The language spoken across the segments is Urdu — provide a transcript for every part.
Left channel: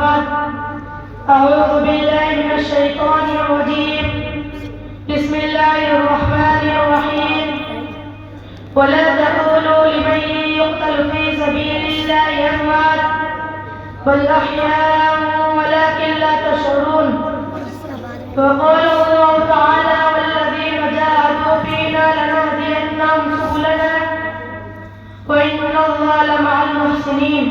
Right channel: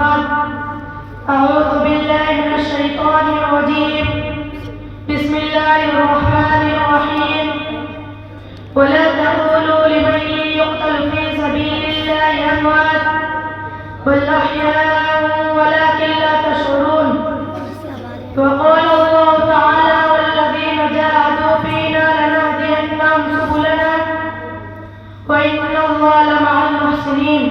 بعد أعوذ بالله من الشيطان الرجيم بسم الله الرحمن الرحيم ولا تقولوا لمن يقتل في سبيل الله أموات بل أحياء ولكن لا تشعرون وقال الله تعالى والذين جاهدوا فينا لنهدينهم سبلنا وإن الله لمع المحسنين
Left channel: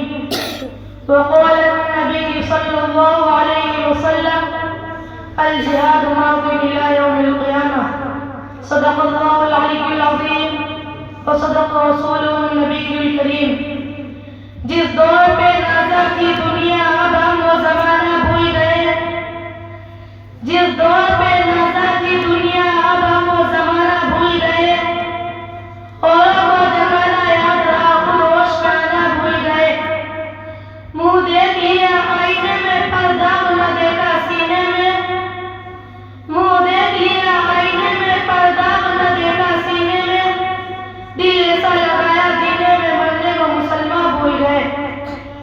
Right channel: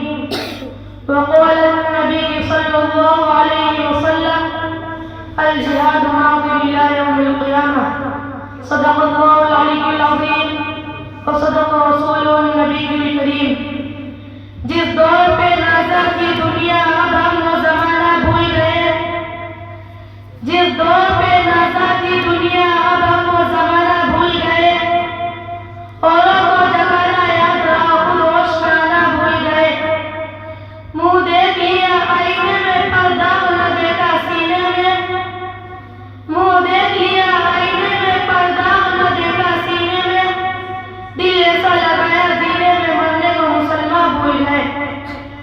وقال النبي صلى الله عليه وسلم الجهاد ماض إلى يوم القيامة صدق الله العلي العظيم وصدق رسوله النبي الكريم جس دور پہ نازا کی دنیا اب ہم وہ زمانہ بھول گئے جس دور پہ نازا کی دنیا اب ہم وہ زمانہ بھول گئے اور وہ زمانہ یاد رہا خود ہوش میں آنا بھول گئے منہ دیکھ لیا آئینے میں پردہ نہ دیکھا سینے میں منہ دیکھ لیا آئینے میں پردہ نہ دیکھا سینے میں دل ایسا لگایا جینے میں مرنے کو مسلمان بھول گئے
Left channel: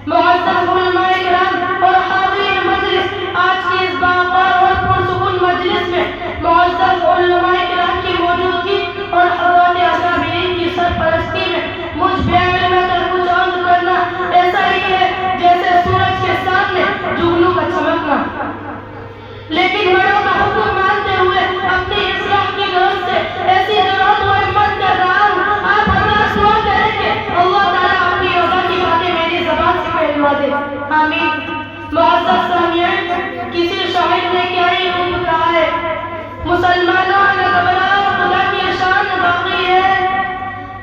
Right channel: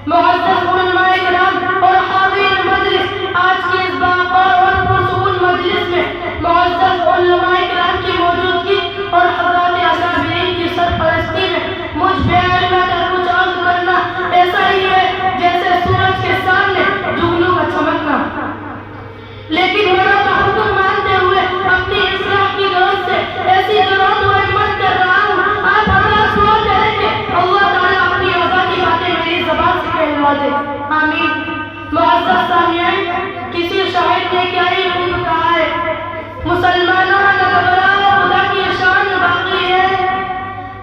معزز علماء کرام اور حاضرین مجلس آج کی اس باوقار اور پرسکون مجلس میں معزز علماء کرام کی موجودگی اور حضرات اکابرین کی سرپرستی میں مجھ بیان میں کر کچھ عرض کرنا ایسا ہی ہے جیسے سورج کے سامنے جگنوں کا چمکنا لیکن بڑا کا حکم مانتے ہوئے اپنی اصلاح کی غرض سے ایسی ضرورت و ہمت کر رہا ہوں آپ حضرات دعا کریں کہ اللہ تعالیٰ اپنی رضا کی باتیں میری زبان سے کہلوا دے آمین معزز سامعین کسی شاعر نے کیا ہی خوب کہا ہے مسلمانوں نہ گھبراؤ خدا کی شان باقی ہے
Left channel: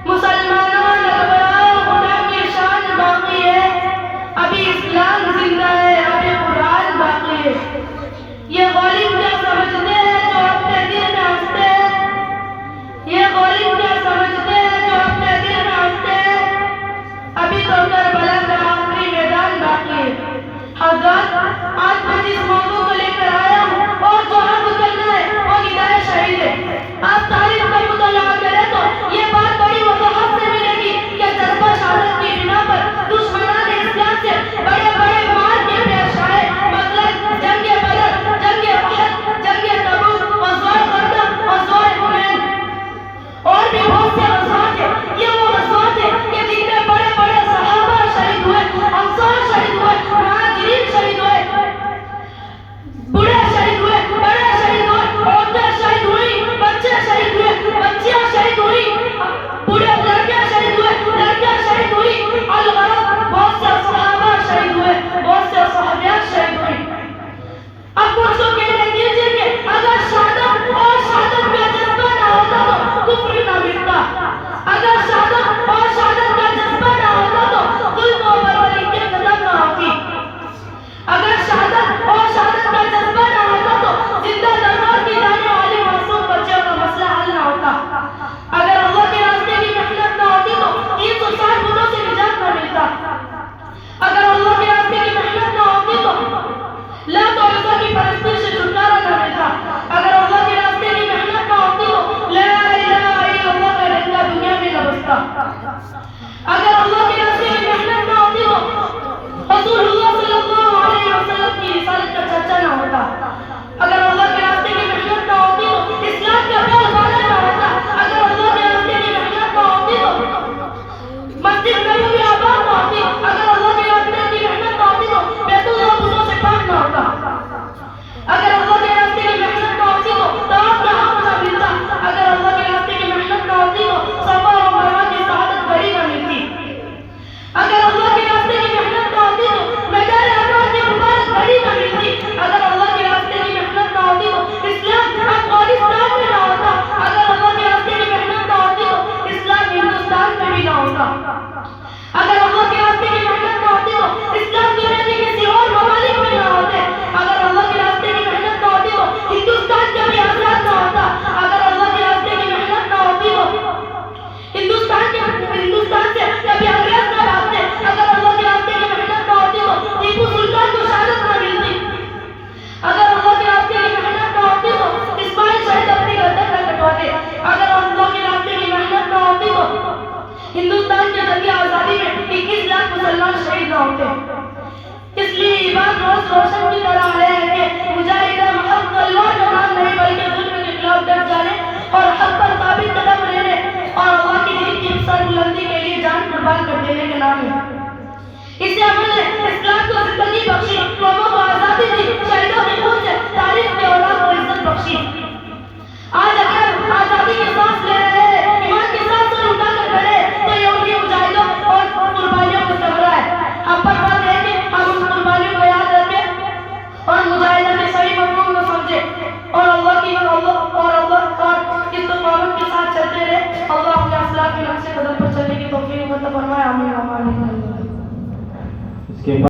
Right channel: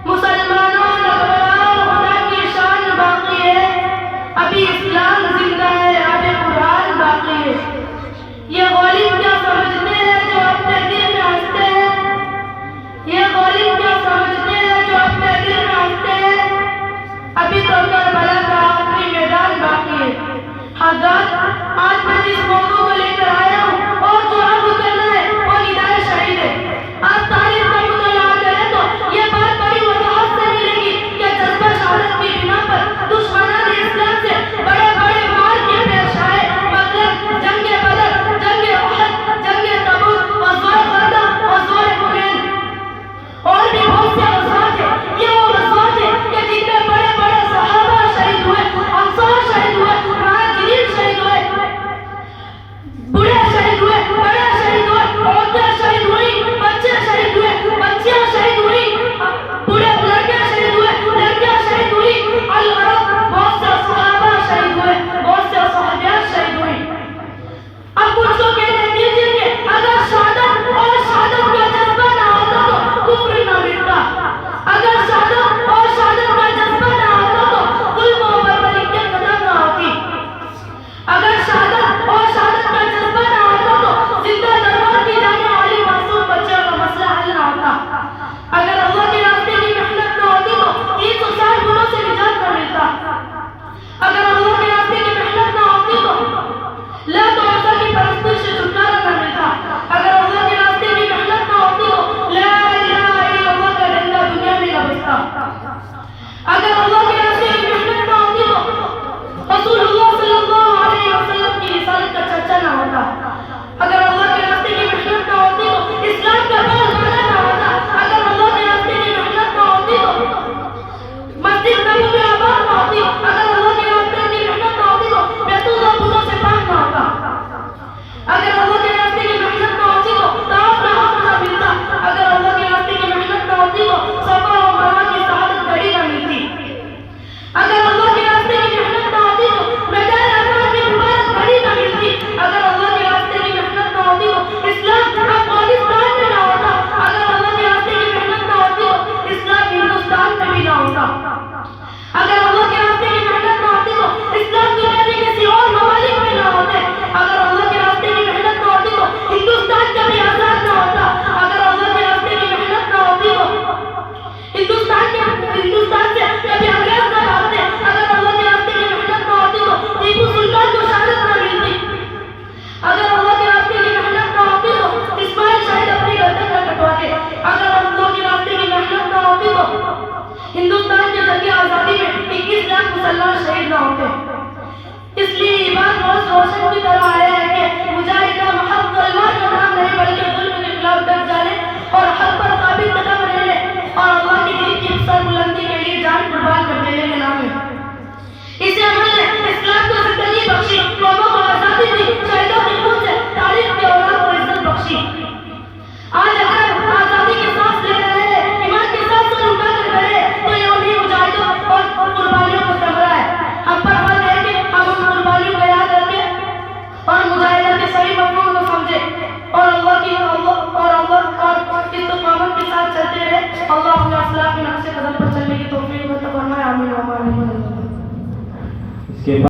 مسلمانوں نہ گھبراؤ خدا کی شان باقی ہے ابھی اسلام زندہ ہے ابھی قرآن باقی ہے یہ غالب کیا سمجھتے ہیں جو اپنے دل میں ہنستے ہیں یہ غالب کیا سمجھتے ہیں جو اپنے دل میں ہنستے ہیں ابھی تو کربلا کا آخری میدان باقی ہے حضرات آج میں جس موضوع کو لے کر آیا ہوں اور جو عرض کرنا ہے وہ ندائے شہید ہے آپ تاریخ کا مطالعہ کریں تو یہ بات بڑی وضاحت سے ملے گی کہ جذبہ شہادت کی بنا پر دشمنان اسلام سے بڑے بڑے مار کے پیش آئے مطلب جنگ بدر جنگ احد جنگ تبوک غزوہ خندق غزوہ حنین اور بھی بہت سے غزوات ہیں یہ وہ غزوات ہیں کہ جن میں بڑے بڑے صحابہ شہید ہوئے انصار شہید ہوئے مہاجرین شہید ہوئے روز روشن کی طرح آیا ہے کہ مجاہدہ محض تلوار کا نام نہیں بلکہ ظلم کے خلاف ڈٹ جانے اور حق پر ثابت قدم رہنے اور اللہ کی دین کی انسان بلندی کے لیے جان قربان کر دینے کے نام ہے۔ اس عمل نے اسلام کو زندگی بخشی، قوموں کو آزادی دی، شہیدوں کے خون سے تاریخ کے اولاد کو عزت بخشی۔ آج اگر